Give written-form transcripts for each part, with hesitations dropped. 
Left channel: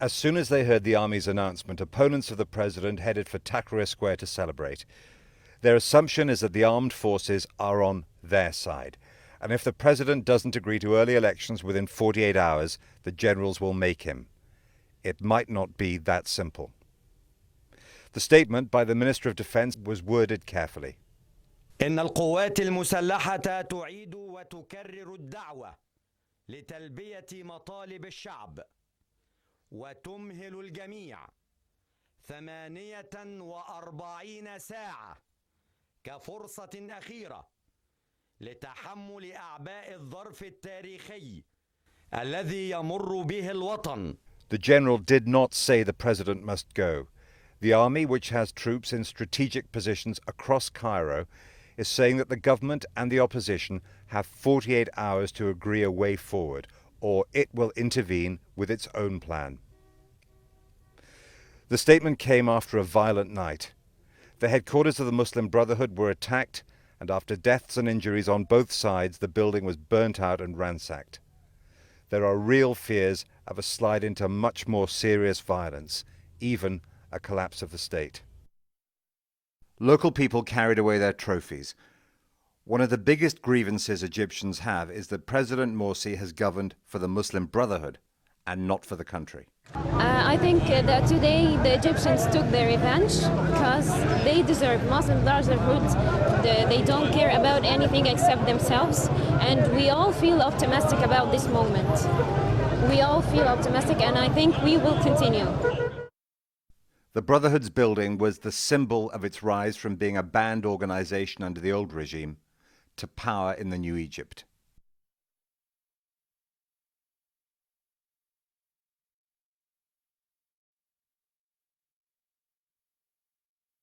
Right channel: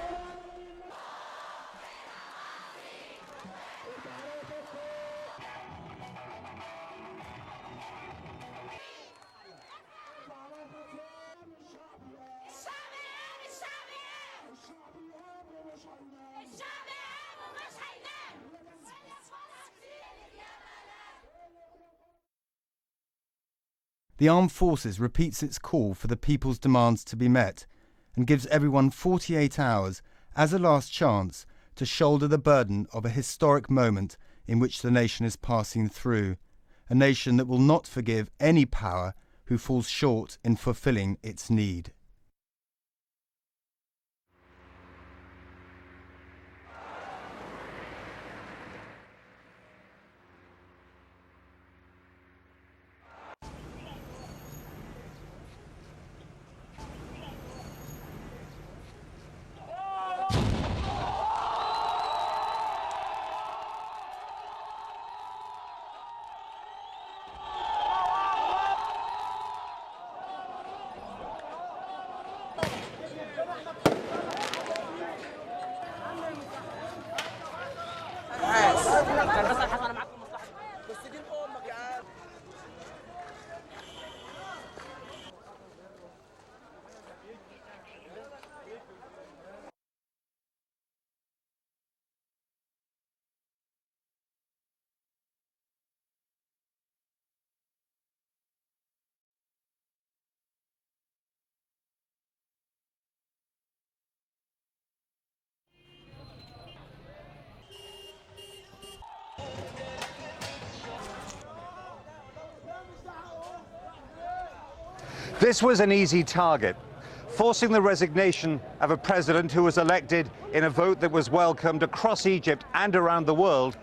As soon as they heard the army's announcement, opponents of the president headed for Tahrir Square to celebrate. Their assumption is that the armed forces are on their side. And if the president doesn't agree to early elections within 48 hours, the generals will make him. It might not be that simple. The statement by the Minister of Defense was worded carefully. The armed forces repeats its call for the people's demands to be met and gives everyone 48 hours as a last chance to shoulder the burden of a historic moment in which the nation is passing through, a nation that will not forgive any power who falls short in fulfilling its need. The general did not say the president must go. The army, which has troops in strategic positions across Cairo, is saying that the government and the opposition have 48 hours to agree a way forward, or it will intervene with its own plan. The statement came after a violent night. The headquarters of the Muslim Brotherhood were attacked, and after deaths and injuries on both sides, the building was burnt out and ransacked. There are real fears of a slide into much more serious violence, even a collapse of the state. Local people carried away their trophies. One of the biggest grievances Egyptians have is that President Morsi has governed for the Muslim Brotherhood and not for the country. I think that today the Egyptians took their revenge because they deserve Muslim Brotherhood. They don't care about anything except themselves, and we all feel optimistic about this moment. We all feel optimistic, and I think we will continue. The Brotherhood's building was the symbol of its rise from being a banned organization under the old regime to power in the new Egypt. This was an easy target. Forcing the resignation of a president who was elected in a vote that was welcomed across Egypt and around the world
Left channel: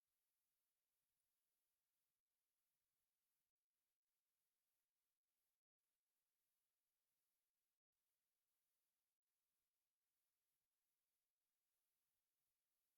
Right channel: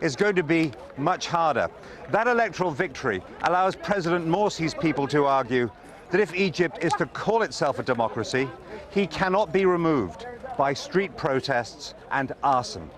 is going to be much harder. That electoral victory allows President Morsi's people to argue that if Egypt is to call itself a democracy, he cannot be removed by street protests and arson.